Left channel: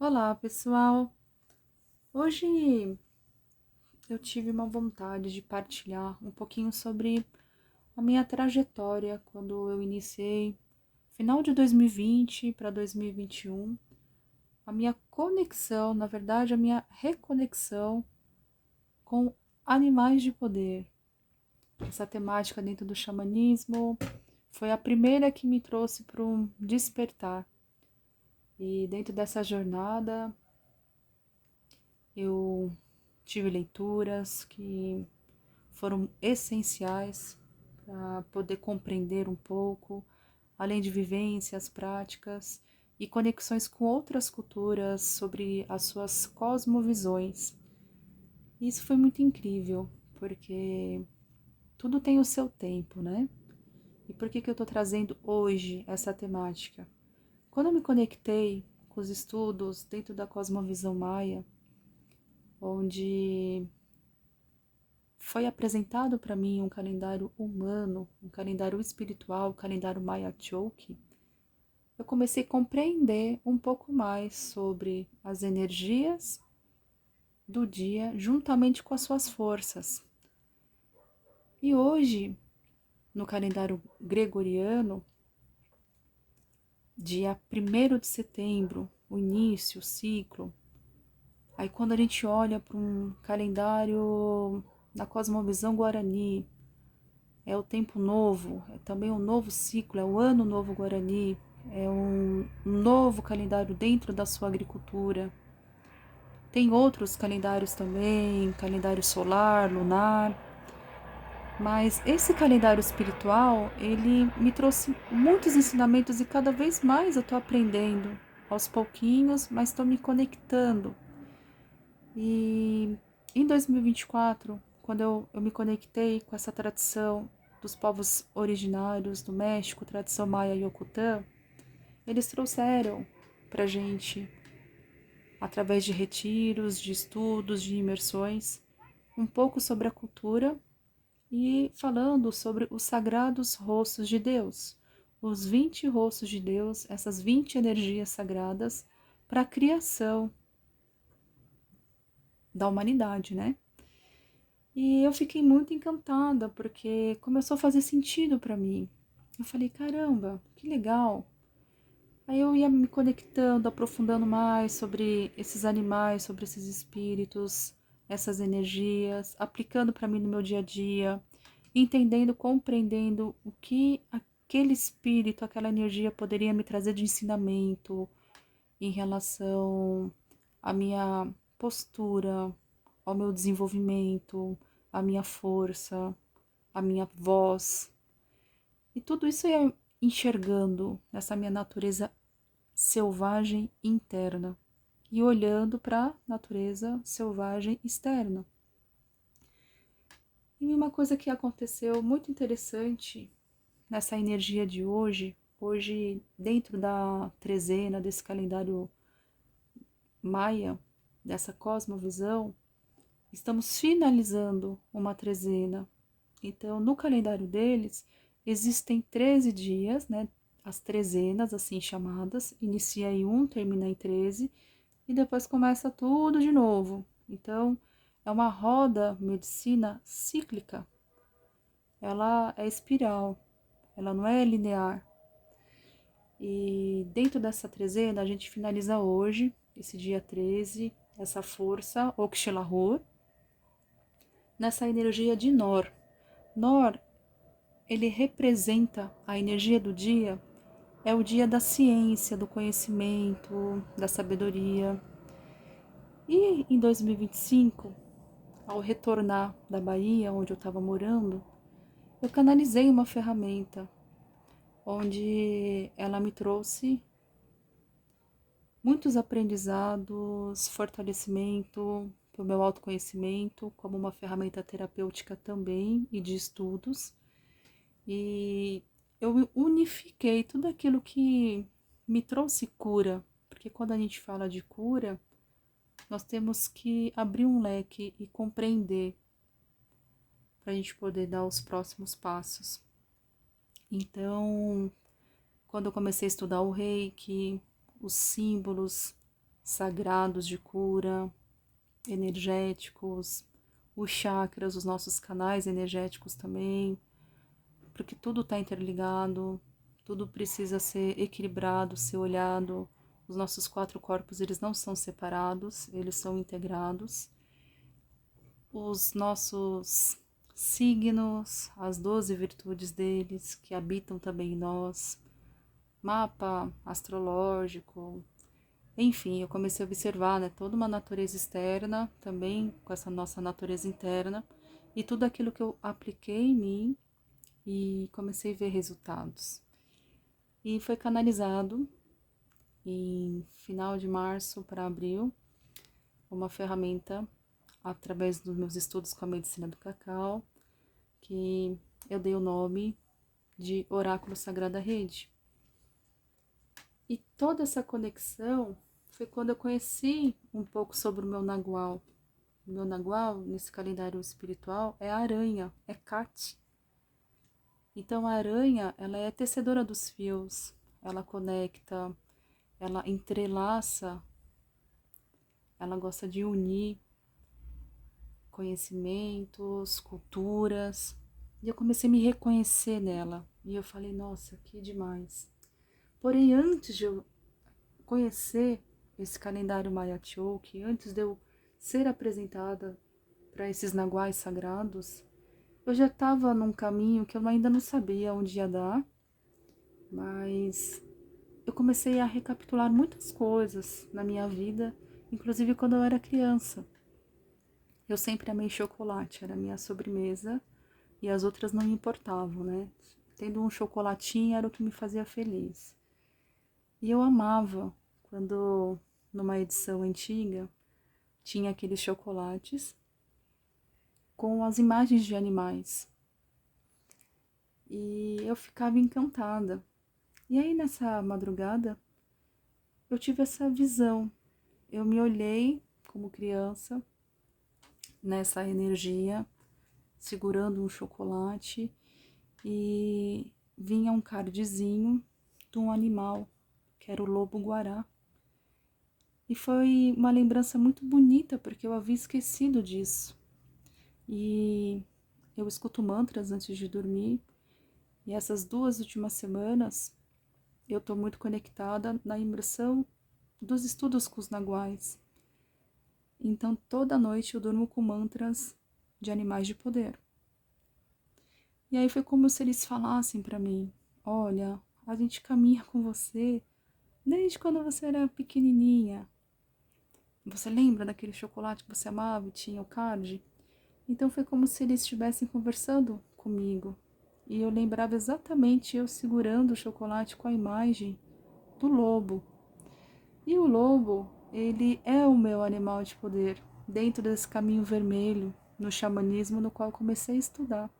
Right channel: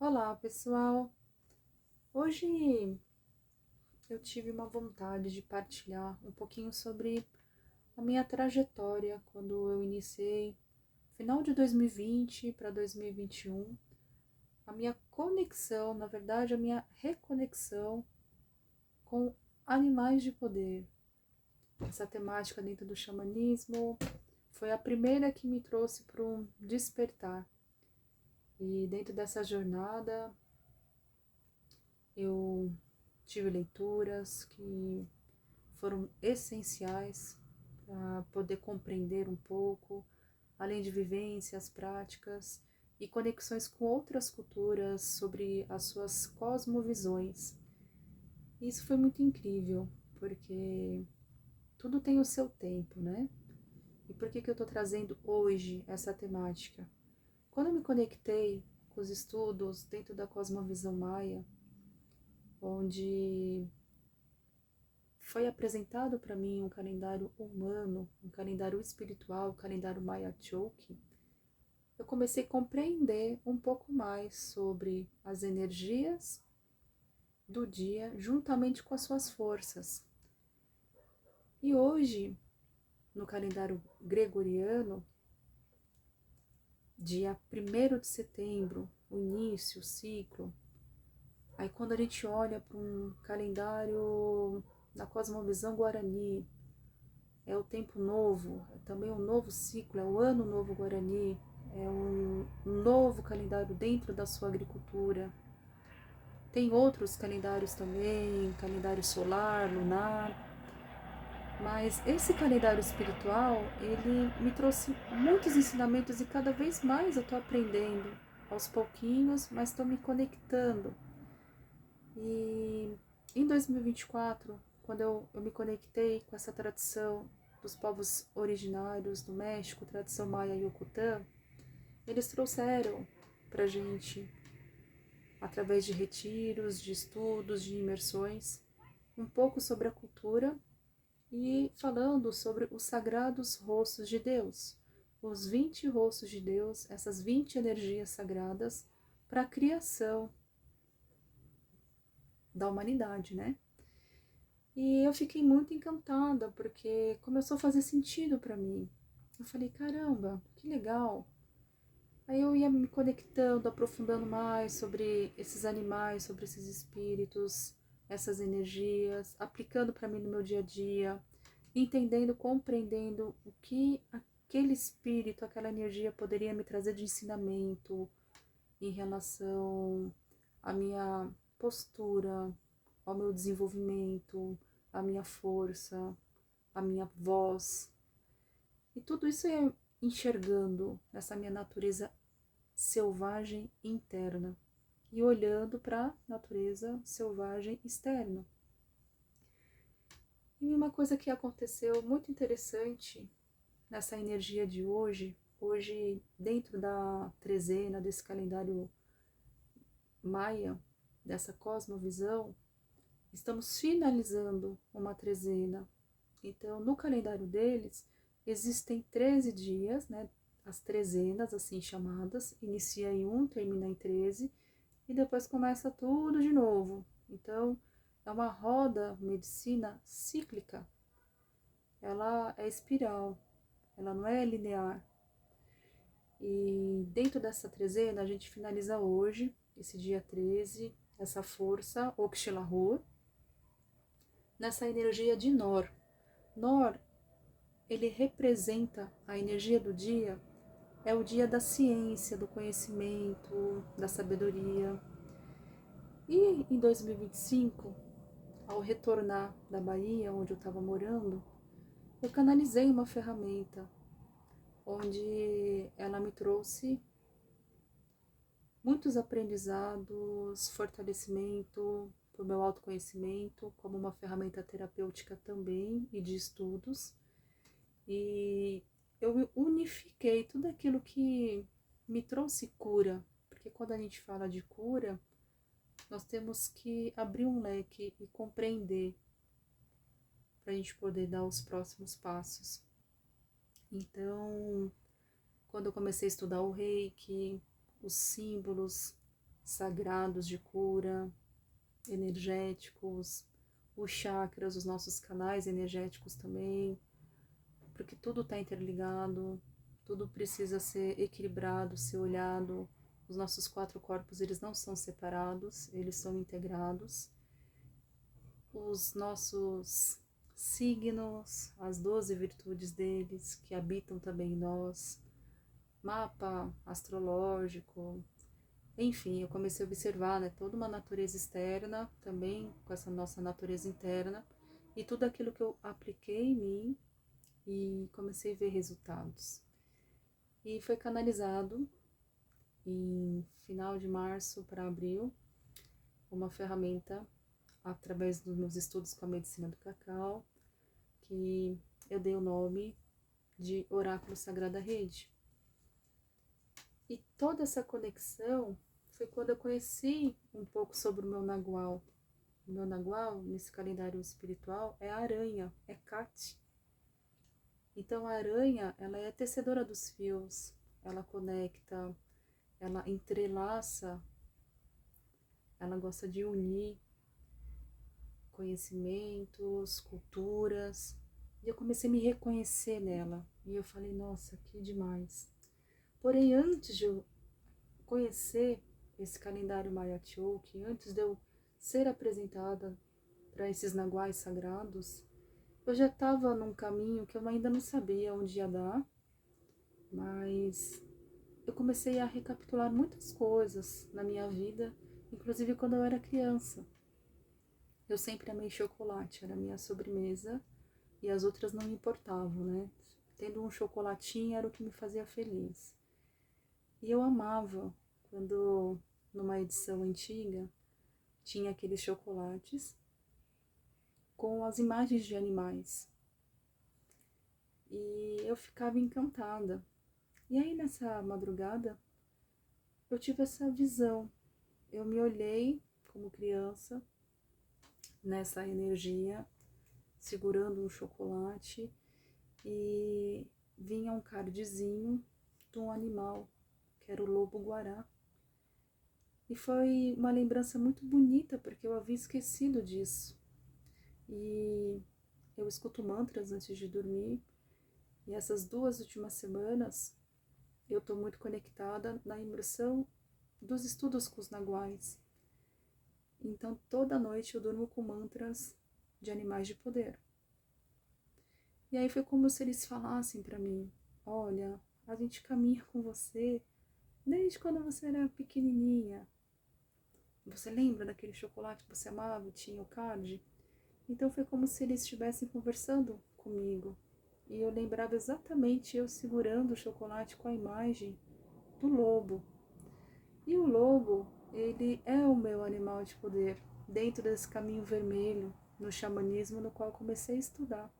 Olá, pessoal! Hoje eu tive uma vontade de partilhar um pouquinho sobre a minha trajetória quando eu iniciei, final de 2020 para 2021, a minha conexão, na verdade, a minha reconexão com animais de poder. Essa temática dentro do xamanismo foi a primeira que me trouxe para um despertar. E dentro dessa jornada, eu tive leituras que foram essenciais para poder compreender um pouco, além de vivências, práticas e conexões com outras culturas sobre as suas cosmovisões. E isso foi muito incrível, porque tudo tem o seu tempo, né? E por que eu estou trazendo hoje essa temática? Quando eu me conectei com os estudos dentro da cosmovisão maia, onde foi apresentado para mim um calendário humano, um calendário espiritual, o calendário Maya Choki, eu comecei a compreender um pouco mais sobre as energias do dia juntamente com as suas forças. E hoje, no calendário gregoriano, dia 1º de setembro, o início, o ciclo, aí quando a gente olha para um calendário da cosmovisão guarani, é o tempo novo, é também um novo ciclo, é o ano novo guarani, é um novo calendário dentro da sua agricultura. Tem outros calendários também, calendário solar, lunar, mas esse calendário espiritual, ele me trouxe muitos ensinamentos e cada vez mais eu estou aprendendo, aos pouquinhos, mas estou me conectando. E em 2024, quando eu me conectei com essa tradição dos povos originários do México, tradição maia e Yokutã, eles trouxeram para gente, através de retiros, de estudos, de imersões, um pouco sobre a cultura e falando sobre os sagrados rostos de Deus, os 20 rostos de Deus, essas 20 energias sagradas para a criação da humanidade, né? E eu fiquei muito encantada, porque começou a fazer sentido para mim. Eu falei, caramba, que legal. Aí eu ia me conectando, aprofundando mais sobre esses animais, sobre esses espíritos, essas energias, aplicando para mim no meu dia a dia, entendendo, compreendendo o que aquele espírito, aquela energia poderia me trazer de ensinamento em relação à minha postura, ao meu desenvolvimento, à minha força, à minha voz. E tudo isso eu ia enxergando nessa minha natureza selvagem interna e olhando para a natureza selvagem externa. E uma coisa que aconteceu muito interessante nessa energia de hoje, dentro da trezena desse calendário maia, dessa cosmovisão, estamos finalizando uma trezena. Então, no calendário deles, existem 13 dias, né? As trezenas, assim chamadas, inicia em 1, termina em 13, e depois começa tudo de novo. Então, é uma roda medicina cíclica. Ela é espiral, ela não é linear. E dentro dessa trezena, a gente finaliza hoje, esse dia 13, essa força, Oxalahor, nessa energia de Nor. Nor, ele representa a energia do dia, é o dia da ciência, do conhecimento, da sabedoria. E em 2025, ao retornar da Bahia, onde eu estava morando, eu canalizei uma ferramenta onde ela me trouxe muitos aprendizados, fortalecimento para o meu autoconhecimento, como uma ferramenta terapêutica também e de estudos. E eu unifiquei tudo aquilo que me trouxe cura, porque quando a gente fala de cura, nós temos que abrir um leque e compreender para a gente poder dar os próximos passos. Então, quando eu comecei a estudar o Reiki, os símbolos sagrados de cura, energéticos, os chakras, os nossos canais energéticos também, porque tudo está interligado, tudo precisa ser equilibrado, ser olhado. Os nossos 4 corpos, eles não são separados, eles são integrados. Os nossos signos, as 12 virtudes deles, que habitam também em nós, mapa astrológico, enfim, eu comecei a observar, né, toda uma natureza externa, também com essa nossa natureza interna, e tudo aquilo que eu apliquei em mim e comecei a ver resultados. E foi canalizado em final de março para abril uma ferramenta através dos meus estudos com a medicina do cacau, que eu dei o nome de Oráculo Sagrada Rede. E toda essa conexão foi quando eu conheci um pouco sobre o meu nagual. O meu nagual, nesse calendário espiritual, é a aranha, é Kat. Então a aranha, ela é tecedora dos fios, ela conecta, ela entrelaça, ela gosta de unir conhecimentos, culturas. E eu comecei a me reconhecer nela. E eu falei, nossa, que demais. Porém, antes de eu conhecer esse calendário Maya Chouk, antes de eu ser apresentada para esses naguais sagrados, eu já estava num caminho que eu ainda não sabia onde ia dar, mas eu comecei a recapitular muitas coisas na minha vida, inclusive quando eu era criança. Eu sempre amei chocolate, era a minha sobremesa, e as outras não me importavam, né? Tendo um chocolatinho era o que me fazia feliz. E eu amava quando, numa edição antiga, tinha aqueles chocolates com as imagens de animais. E eu ficava encantada. E aí, nessa madrugada, eu tive essa visão. Eu me olhei como criança, nessa energia, segurando um chocolate, e vinha um cardzinho de um animal, que era o lobo-guará. E foi uma lembrança muito bonita, porque eu havia esquecido disso. E eu escuto mantras antes de dormir, e essas 2 últimas semanas eu estou muito conectada na imersão dos estudos com os naguais. Então toda noite eu durmo com mantras de animais de poder. E aí foi como se eles falassem para mim, olha, a gente caminha com você desde quando você era pequenininha. Você lembra daquele chocolate que você amava e tinha o card? Então foi como se eles estivessem conversando comigo. E eu lembrava exatamente eu segurando o chocolate com a imagem do lobo. E o lobo, ele é o meu animal de poder, dentro desse caminho vermelho, no xamanismo no qual comecei a estudar.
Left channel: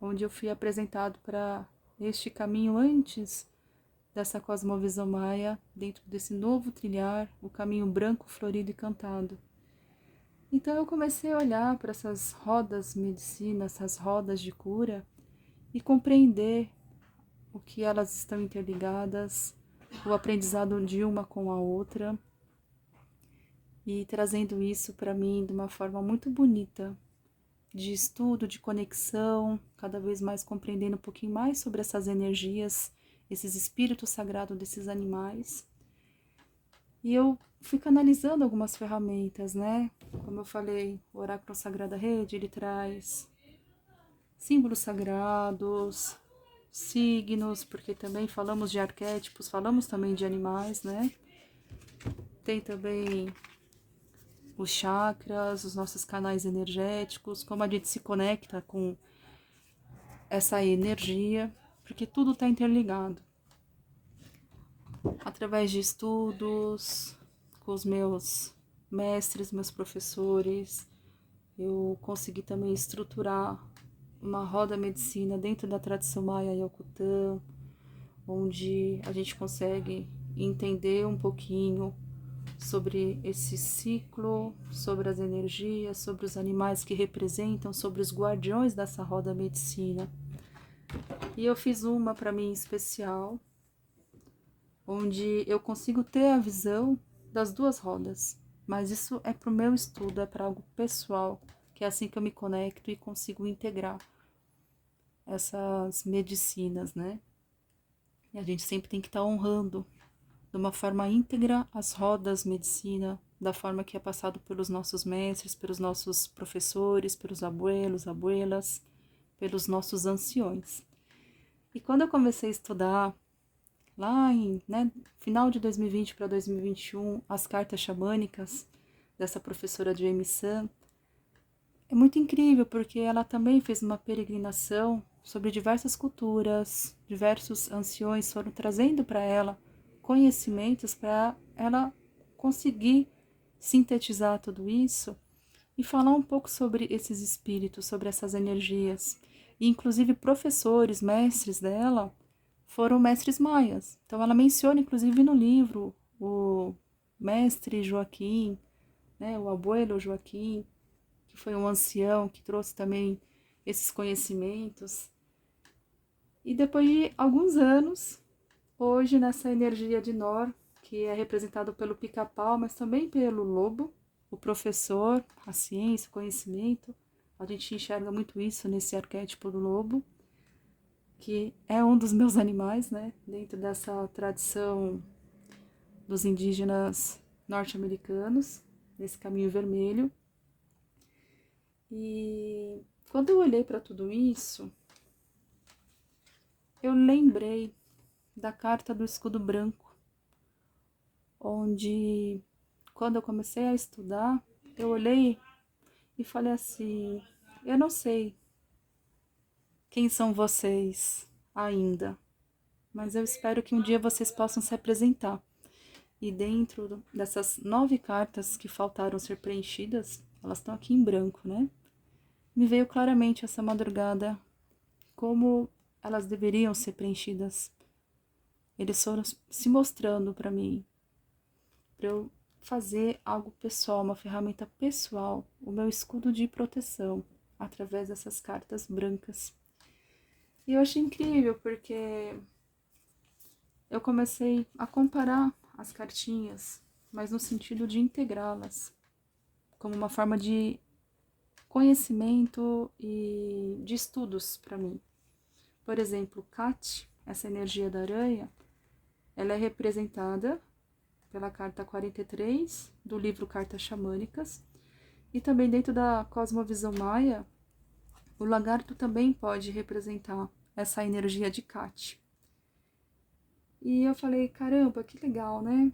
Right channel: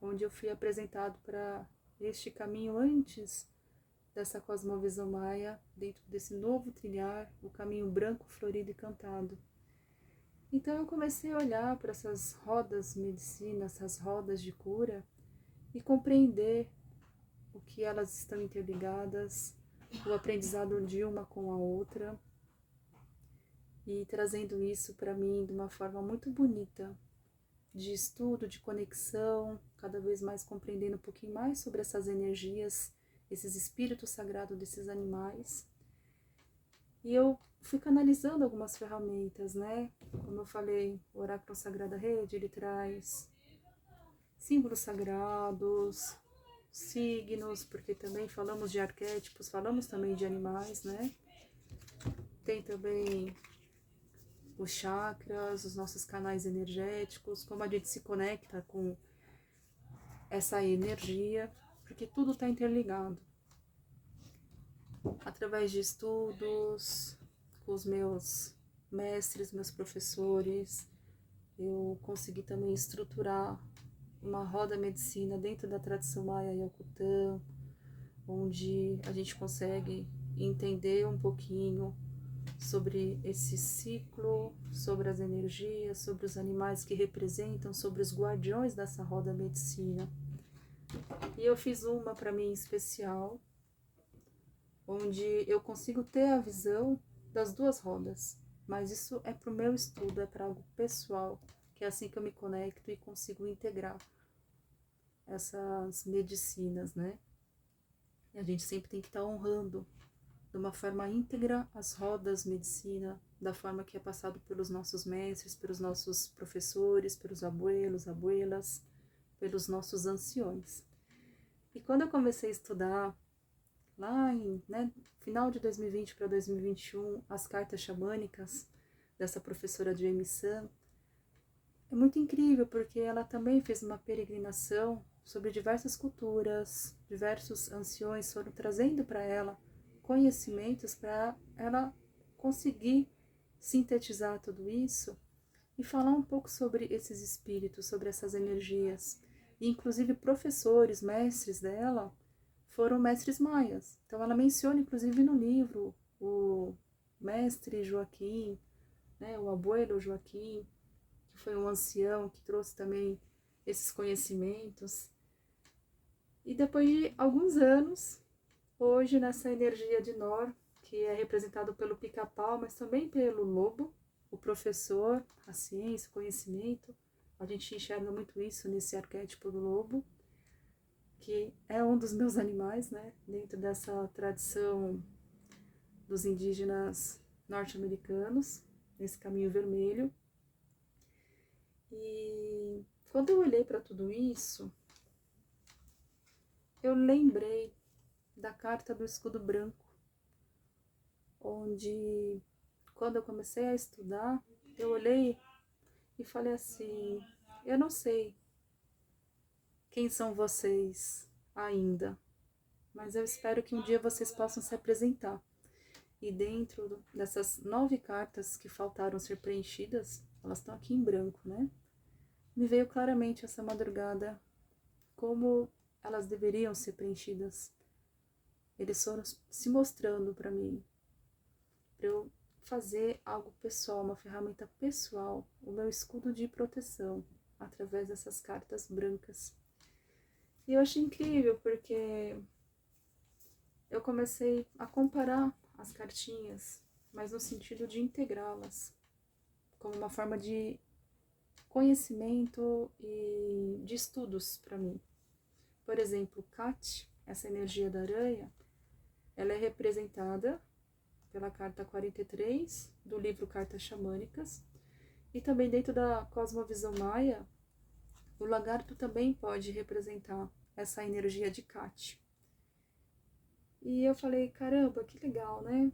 Onde eu fui apresentado para este caminho antes dessa cosmovisão maia, dentro desse novo trilhar, o caminho branco, florido e cantado. Então eu comecei a olhar para essas rodas de medicina, essas rodas de cura, e compreender o que elas estão interligadas, o aprendizado de uma com a outra, e trazendo isso para mim de uma forma muito bonita, de estudo, de conexão, cada vez mais compreendendo um pouquinho mais sobre essas energias, esses espíritos sagrados desses animais. E eu fui canalizando algumas ferramentas, né? Como eu falei, o Oráculo Sagrada Rede, ele traz símbolos sagrados, signos, porque também falamos de arquétipos, falamos também de animais, né? Tem também os chakras, os nossos canais energéticos, como a gente se conecta com essa energia, porque tudo está interligado. Através de estudos, com os meus mestres, meus professores, eu consegui também estruturar uma roda medicina dentro da tradição Maia Yokutã, onde a gente consegue entender um pouquinho sobre esse ciclo, sobre as energias, sobre os animais que representam, sobre os guardiões dessa roda medicina. E eu fiz uma para mim especial, onde eu consigo ter a visão das duas rodas, mas isso é para o meu estudo, é para algo pessoal, que é assim que eu me conecto e consigo integrar essas medicinas, né? E a gente sempre tem que estar honrando de uma forma íntegra as rodas medicina, da forma que é passado pelos nossos mestres, pelos nossos professores, pelos abuelos, abuelas, pelos nossos anciões. E quando eu comecei a estudar, lá em final de 2020 para 2021, as cartas xamânicas dessa professora Jamie Sun, é muito incrível, porque ela também fez uma peregrinação sobre diversas culturas, diversos anciões foram trazendo para ela conhecimentos para ela conseguir sintetizar tudo isso e falar um pouco sobre esses espíritos, sobre essas energias. E, inclusive, professores, mestres dela foram mestres maias. Então, ela menciona, inclusive, no livro, o mestre Joaquim, né, o abuelo Joaquim, que foi um ancião que trouxe também esses conhecimentos. E depois de alguns anos, hoje nessa energia de Nor, que é representado pelo pica-pau, mas também pelo lobo, o professor, a ciência, o conhecimento, a gente enxerga muito isso nesse arquétipo do lobo, que é um dos meus animais, né, dentro dessa tradição dos indígenas norte-americanos, nesse caminho vermelho. E quando eu olhei para tudo isso, eu lembrei da carta do escudo branco, onde, quando eu comecei a estudar, eu olhei e falei assim: eu não sei quem são vocês ainda, mas eu espero que um dia vocês possam se apresentar. E dentro dessas 9 cartas que faltaram ser preenchidas, elas estão aqui em branco, né? Me veio claramente essa madrugada como elas deveriam ser preenchidas. Eles foram se mostrando para mim, para eu fazer algo pessoal, uma ferramenta pessoal, o meu escudo de proteção, através dessas cartas brancas. E eu achei incrível, porque eu comecei a comparar as cartinhas, mas no sentido de integrá-las, como uma forma de conhecimento e de estudos para mim. Por exemplo, Kat, essa energia da aranha, ela é representada pela carta 43 do livro Cartas Xamânicas, e também dentro da cosmovisão maia, o lagarto também pode representar essa energia de Kat. E eu falei, caramba, que legal, né?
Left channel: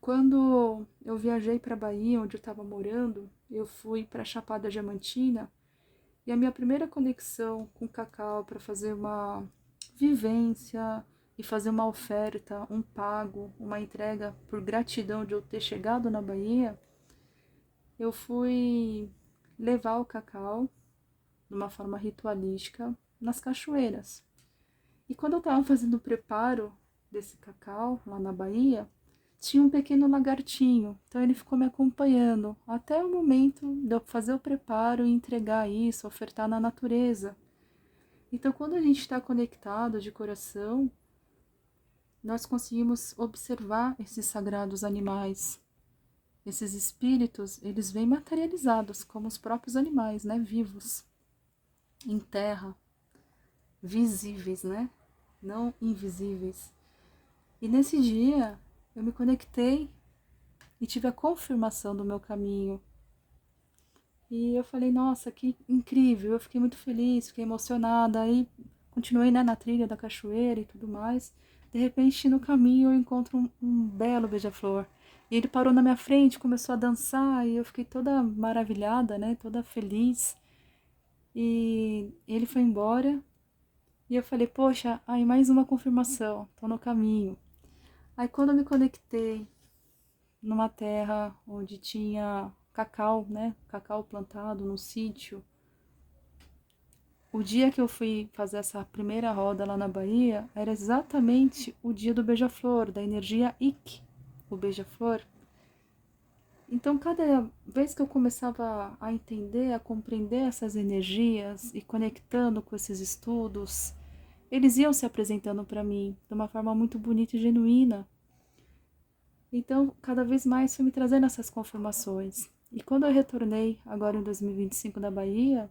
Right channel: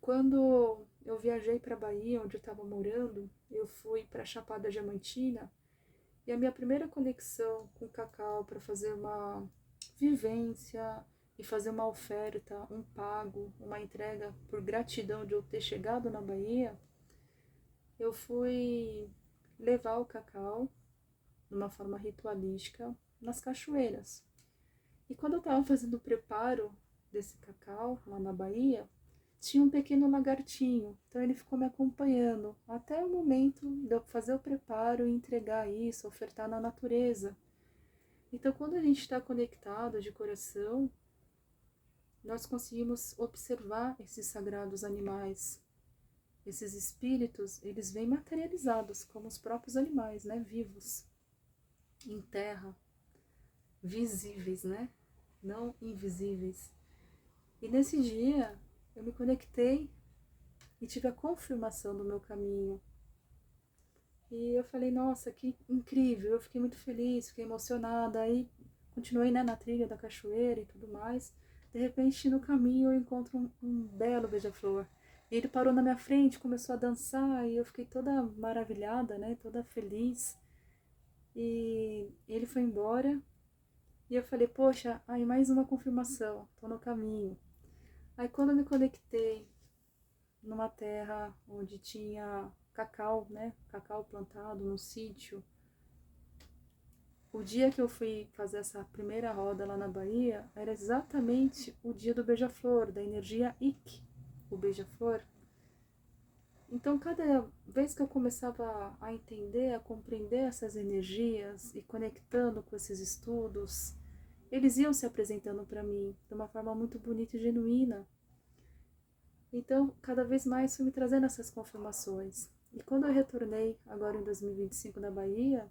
Quando eu viajei para a Bahia, onde eu estava morando, eu fui para a Chapada Diamantina, e a minha primeira conexão com o cacau para fazer uma vivência e fazer uma oferta, um pago, uma entrega por gratidão de eu ter chegado na Bahia, eu fui levar o cacau de uma forma ritualística nas cachoeiras. E quando eu estava fazendo o preparo desse cacau lá na Bahia, tinha um pequeno lagartinho, então ele ficou me acompanhando até o momento de eu fazer o preparo e entregar isso, ofertar na natureza. Então, quando a gente está conectado de coração, nós conseguimos observar esses sagrados animais. Esses espíritos, eles vêm materializados como os próprios animais, né, vivos, em terra, visíveis, né, não invisíveis. E nesse dia, eu me conectei e tive a confirmação do meu caminho. E eu falei, nossa, que incrível, eu fiquei muito feliz, fiquei emocionada, aí continuei, né, na trilha da cachoeira e tudo mais. De repente, no caminho, eu encontro um belo beija-flor. E ele parou na minha frente, começou a dançar, e eu fiquei toda maravilhada, né, toda feliz. E ele foi embora, e eu falei, poxa, aí mais uma confirmação, tô no caminho. Aí quando eu me conectei numa terra onde tinha cacau, né, cacau plantado no sítio, o dia que eu fui fazer essa primeira roda lá na Bahia, era exatamente o dia do beija-flor, da energia Ik, o beija-flor. Então, cada vez que eu começava a entender, a compreender essas energias e conectando com esses estudos, eles iam se apresentando para mim de uma forma muito bonita e genuína. Então, cada vez mais foi me trazendo essas confirmações. E quando eu retornei, agora em 2025 da Bahia,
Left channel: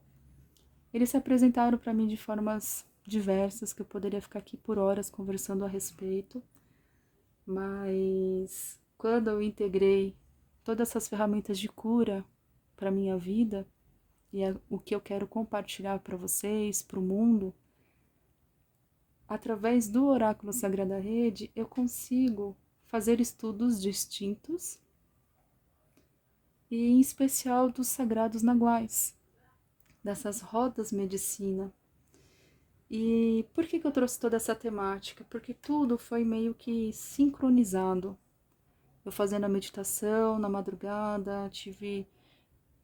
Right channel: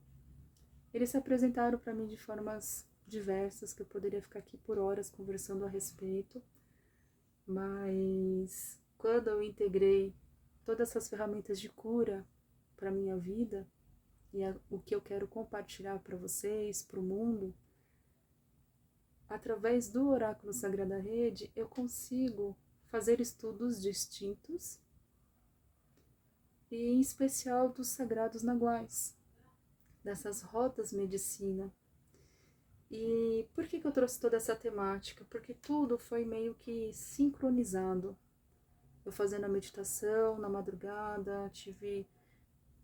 eles se apresentaram para mim de formas diversas, que eu poderia ficar aqui por horas conversando a respeito. Mas quando eu integrei todas essas ferramentas de cura para minha vida, e é o que eu quero compartilhar para vocês, para o mundo, através do Oráculo Sagrada Rede, eu consigo fazer estudos distintos, e em especial dos Sagrados Naguais, dessas rodas medicina. E por que eu trouxe toda essa temática? Porque tudo foi meio que sincronizado. Eu fazendo a meditação na madrugada, tive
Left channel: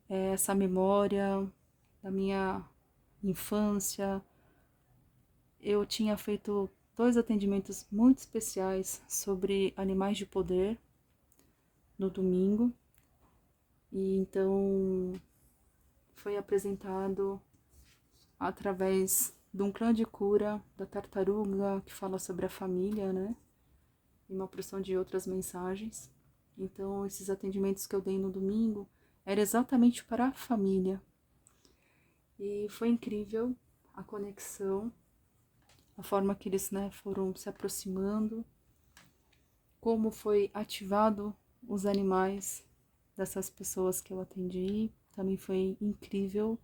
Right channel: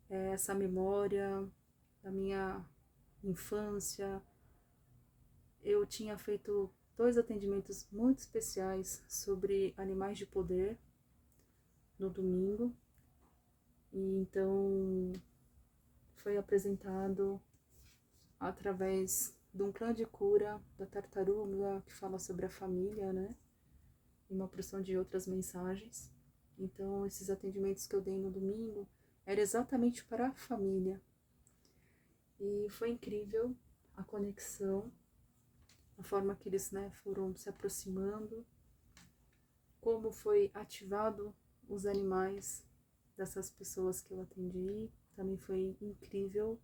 essa memória da minha infância. Eu tinha feito 2 atendimentos muito especiais sobre animais de poder no domingo. E então foi apresentado através de um clã de cura da tartaruga que fala sobre a família, né? E uma porção de outras mensagens. Então, esses atendimentos que eu dei no domingo era exatamente para a família. E foi incrível a conexão, a forma que eles, né, foram se aproximando, como foi ativado os animais dessas pessoas que eu atendi. Também foi incrível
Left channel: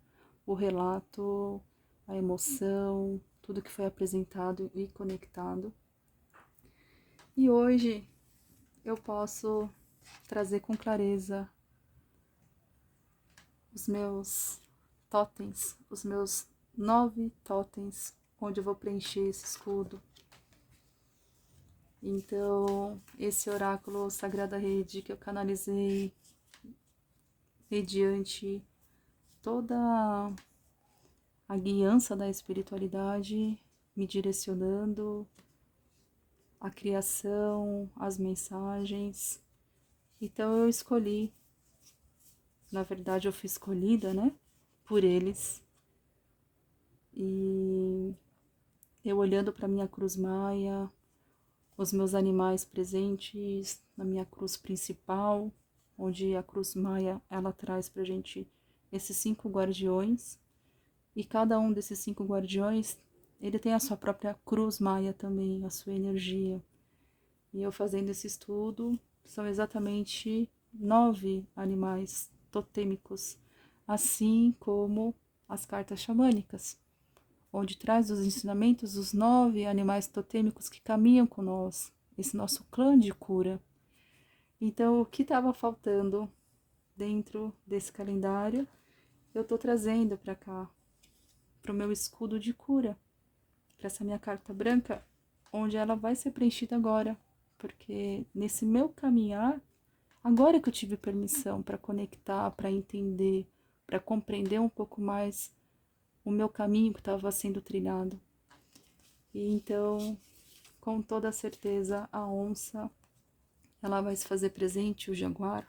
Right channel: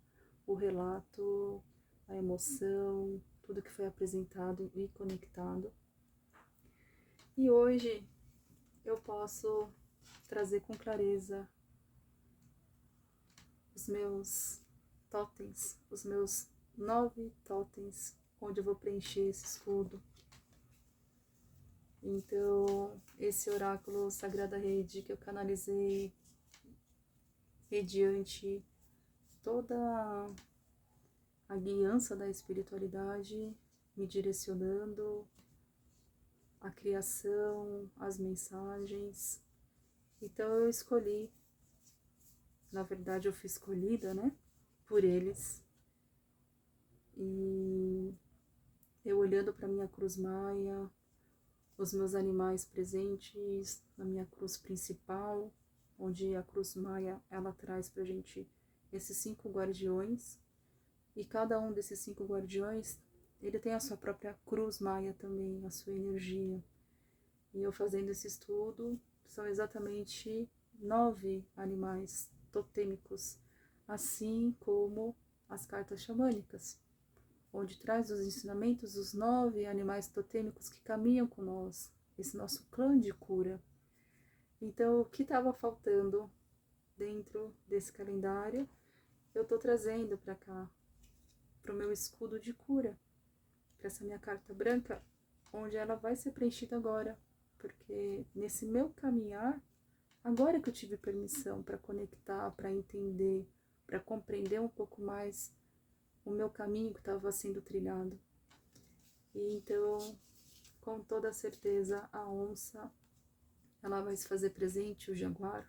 o relato, a emoção, tudo que foi apresentado e conectado. E hoje eu posso trazer com clareza os meus totens, os meus 9 totens, onde eu vou preencher esse escudo. Então, esse oráculo Sagrada Rede que eu canalizei mediante toda a guiança da espiritualidade, me direcionando, a criação, as mensagens. Então eu escolhi, na verdade eu fui escolhida, né, por eles. E eu olhando para minha cruz maia, os meus animais presentes na minha cruz principal, onde a cruz maia ela traz pra gente esses 5 guardiões, e cada um desses 5 guardiões, ele tem a sua própria cruz maia também, a sua energia. E eu fazendo esse estudo, são exatamente 9 animais totêmicos, assim como as cartas xamânicas, onde traz os ensinamentos dos 9 animais totêmicos que caminham com nós, esse nosso clã de cura. Então, o que estava faltando dentro desse calendário, eu estou trazendo para cá, para o meu escudo de cura, para essa minha carta branca, onde ela vai ser preenchida agora, porque nesse meu caminhar, agora que eu tive permissão para conectar, para entender, para compreender um pouco mais o meu caminho que estava sendo trilhado. E então, com toda certeza, a onça, ela vai se fazer presente, o jaguar,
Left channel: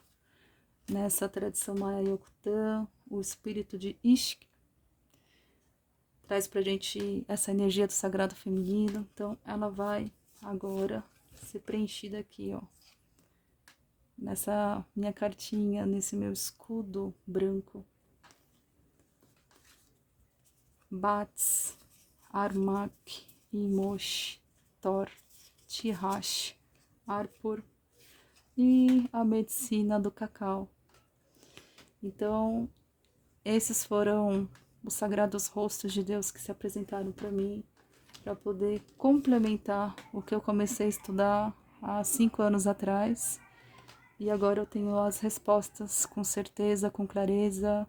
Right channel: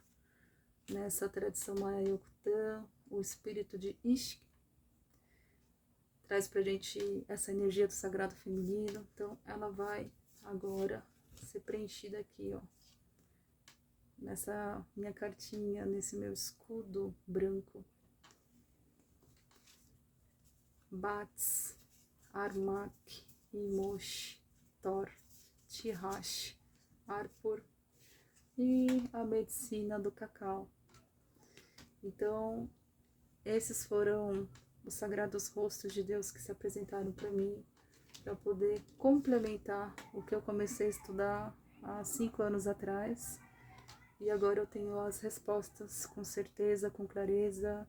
nessa tradição maia Yokutã, o espírito de Ishk, traz pra gente essa energia do sagrado feminino. Então, ela vai agora ser preenchida aqui, ó, nessa minha cartinha, nesse meu escudo branco. Bats, Armak, Imosh, Thor, Tihash, Arpur e a medicina do cacau. Então, esses foram os sagrados rostos de Deus que se apresentaram para mim, para poder complementar o que eu comecei a estudar há 5 anos atrás. E agora eu tenho as respostas com certeza, com clareza,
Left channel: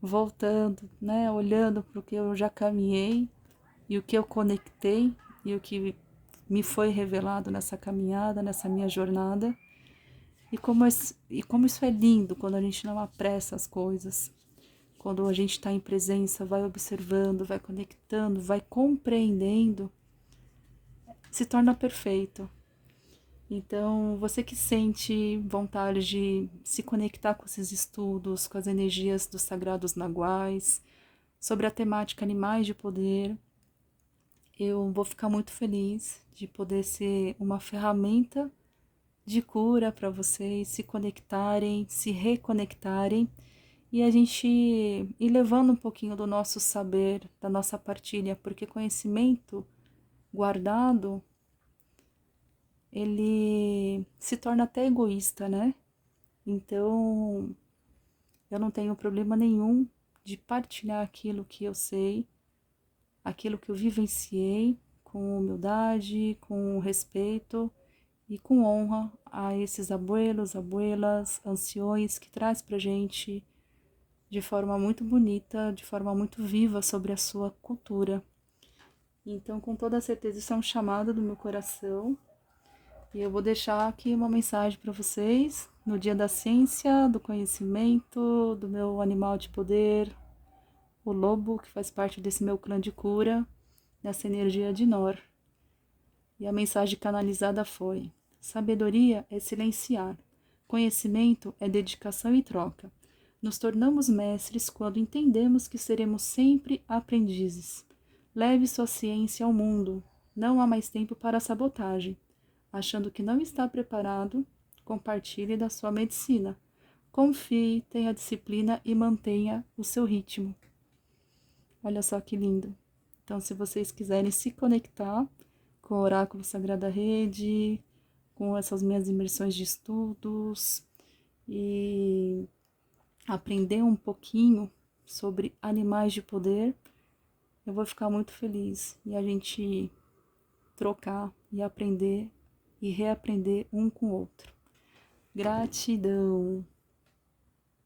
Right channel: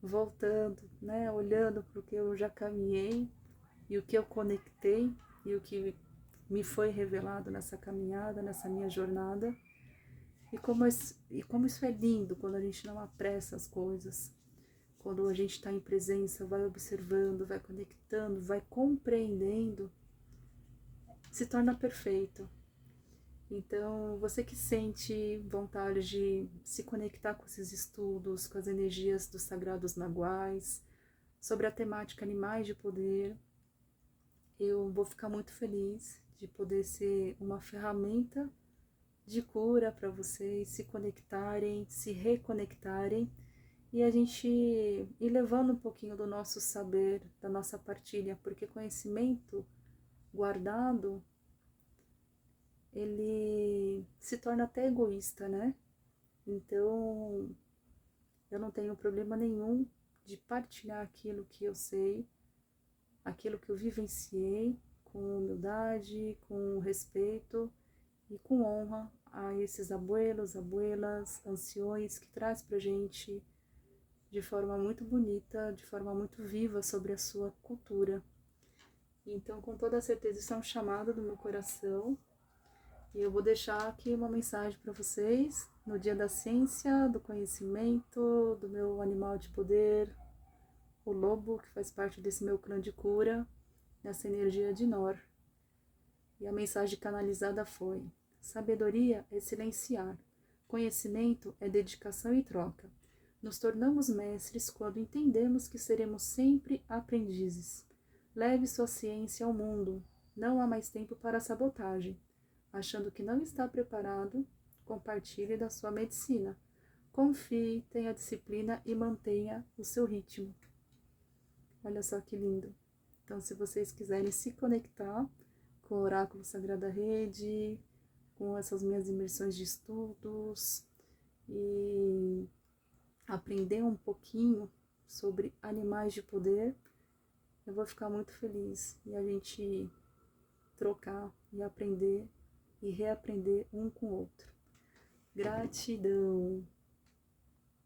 voltando, né, olhando para o que eu já caminhei e o que eu conectei e o que me foi revelado nessa caminhada, nessa minha jornada. E como isso é lindo quando a gente não apressa as coisas, quando a gente está em presença, vai observando, vai conectando, vai compreendendo, se torna perfeito. Então, você que sente vontade de se conectar com esses estudos, com as energias dos sagrados naguais, sobre a temática animais de poder, eu vou ficar muito feliz de poder ser uma ferramenta de cura para vocês se conectarem, se reconectarem e a gente ir levando um pouquinho do nosso saber, da nossa partilha, porque conhecimento guardado, ele se torna até egoísta, né? Então, eu não tenho problema nenhum de partilhar aquilo que eu sei, aquilo que eu vivenciei, com humildade, com respeito e com honra a esses abuelos, abuelas, anciões que traz pra gente de forma muito bonita, de forma muito viva sobre a sua cultura. Então, com toda certeza, isso é um chamado do meu coração. E eu vou deixar aqui uma mensagem para vocês no Dia da Ciência, do Conhecimento, do meu animal de poder, o lobo, que faz parte desse meu clã de cura, nessa energia de Nor. E a mensagem canalizada foi: sabedoria é silenciar, conhecimento é dedicação e troca. Nos tornamos mestres quando entendemos que seremos sempre aprendizes. Leve sua ciência ao mundo. Não há mais tempo para sabotagem. Achando que não está preparado, compartilhe da sua medicina. Confie, tenha disciplina e mantenha o seu ritmo. Olha só que lindo. Então, se vocês quiserem se conectar com o Oráculo Sagrada Rede, com essas minhas imersões de estudos e aprender um pouquinho sobre animais de poder, eu vou ficar muito feliz e a gente trocar e aprender e reaprender um com o outro. Gratidão!